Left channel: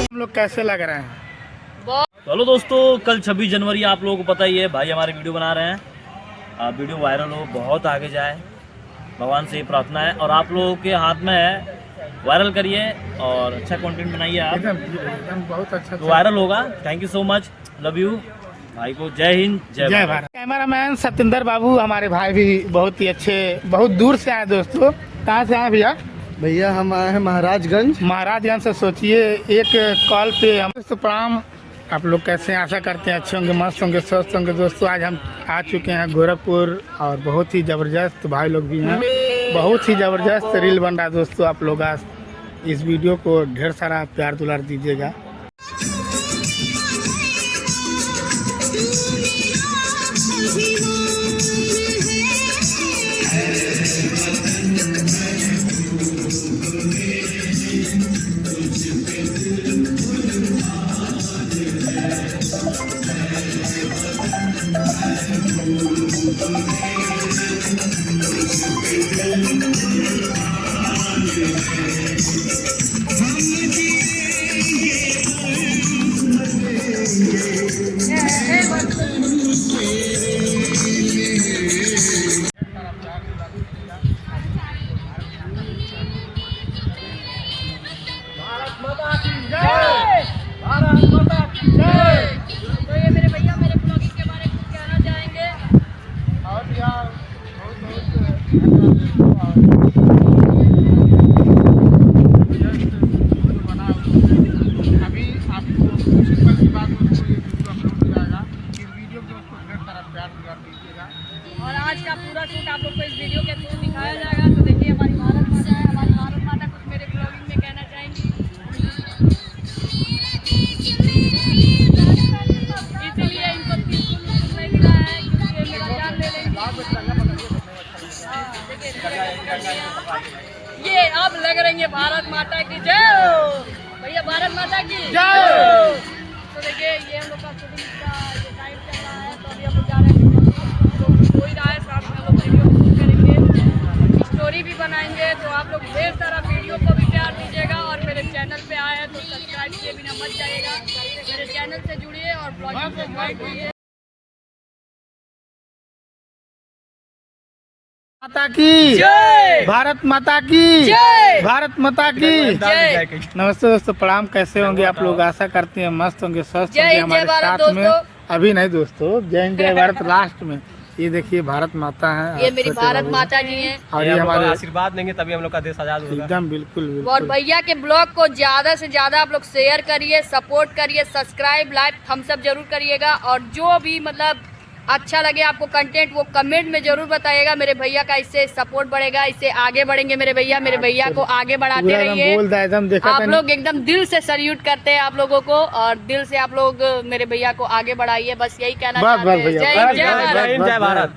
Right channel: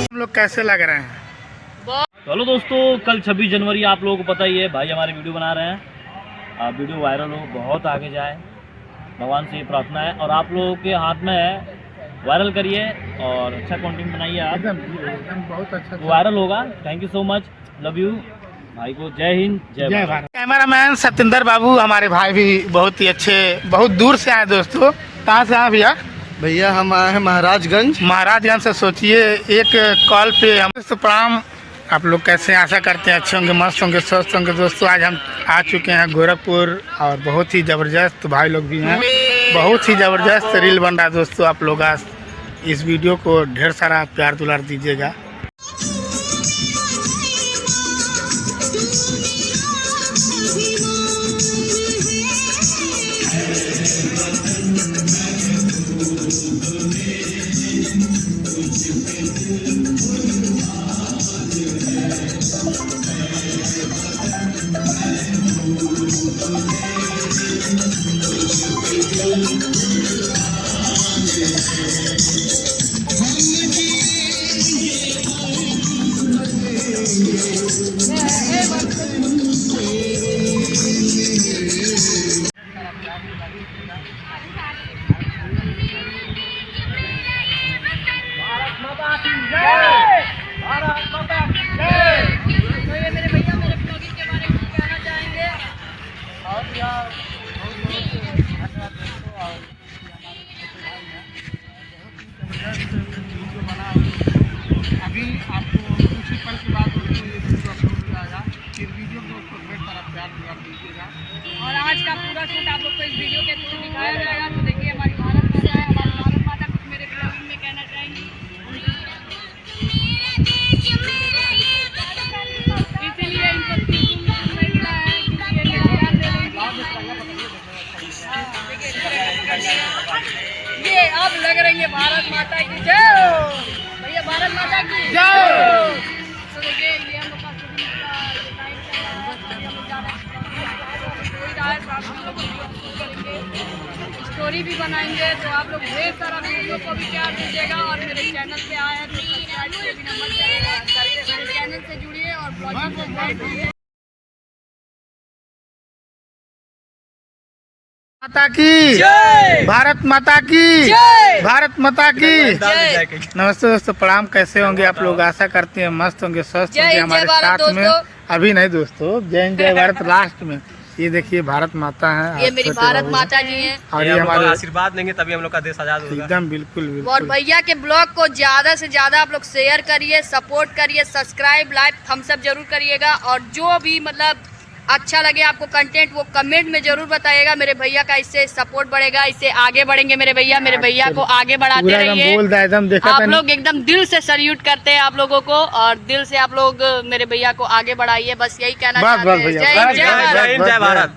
हम लोग कैसे लग रहे हैं? चलो दोस्तों, कल 26 जनवरी आप लोगों को पता ही है, भाई हमारे वीडियो बना रहे हैं। आप वीडियो वायरल हो, बहुत आगे जाए, भगवान से प्रार्थना है। और आप लोगों के हाथ में है, वायरल करिए और अच्छा कंटेंट बनाइए आप, एकदम बहुत अच्छा तो वायरल होगा। Thank you so much, love you भाई को। जय हिंद, जय भारत। कैमरामैन सत्येंद्र बाबू हमारे भाई भी बहुत ही अच्छे, बहुत दूर से आए दोस्तों। कहाँ से आए भैया? भैया हम आए हैं महाराजगंज से। सोचिए एक कॉल पे हम तो प्रणाम। आप लोग कैसे, आशा करते हैं अच्छे होंगे, मस्त होंगे, स्वस्थ होंगे। दोस्तों आज हम आ चुके हैं गोरखपुर और बहुत ही ज़बरदस्त भाई लोग भी हैं, बहुत ही ज़बरदस्त रील बन रहा है दोस्तों। आप लोग आज इस वीडियो को ढेर सारा प्यार दुलार दीजिएगा। तो ये मेरे भैया मेरे ब्लॉगिंग के बारे में कहना चाहेंगे। अभी आपको सिंपल सी बात होती है, वीडियो अपलोड हो जाएगा, फिर वीडियो को ढेर सारा प्यार दुलार दीजिएगा। और आज का पूरा शूट आप लोग को इस वीडियो के थ्रू दिखाया जाएगा। तो देखिए हमारी भारत माता है, हमारी भारत माता कुछ मेरे ब्लॉगिंग में कहना चाहेंगी, इसीलिए इनको बिल्कुल नहीं मिला है क्योंकि ये मेरा प्यार दे रही है। ये अब लग रही है भारत माता की जय हो। भैया भारत माता की जय हो। तो देखिए ये हम लोग का शूटिंग का टाइम चल रहा है, तभी हम लोग जा रहे हैं, स्टोरी भी बनाएंगे। तो आप लोग ढेर सारा वीडियो को भी प्यार दीजिएगा और मेरे चैनल पे आए हैं तो सब्सक्राइब किए बिना मत जाइएगा। मेरे चैनल से जुड़िए और ब्लॉगिंग को लाइक कीजिए। माता की जय, भारत माता की जय, भारत माता की जय। नमस्ते दोस्तों, प्रणाम। कैसे होंगे आप लोग? आशा करते हैं मस्त होंगे, स्वस्थ होंगे। हमारे साथ में अभी नहीं दोस्तों, जय हिंद जय भारत लास्ट में। ये देखिए भारत माता है, ये मेरी भारत माता जी हैं और ये हमारे आशीर्वाद देंगे तभी हम लोग का देश आजाद होगा। एकदम बिल्कुल। और भैया के ब्लॉग को ज्यादा से ज्यादा आप लोग शेयर करिए, सपोर्ट करिए, सब्सक्राइब, लाइक, थम्स अप जरूर करिएगा। और जो भी मतलब अच्छा लगे आपको कंटेंट वो कमेंट में जरूर बताइएगा। मेरे भैया का इससे सपोर्ट बढ़ेगा, इससे आगे बढ़ेंगे मेरे भैया को आगे बढ़ाते रहिए। आप लोग एकदम दिल से सल्यूट करते हैं आप लोगों को और दिल से आप लोग मेरे भैया को आगे बढ़ाइए। बस यही कहना चाहते हैं। जय हिंद जय भारत।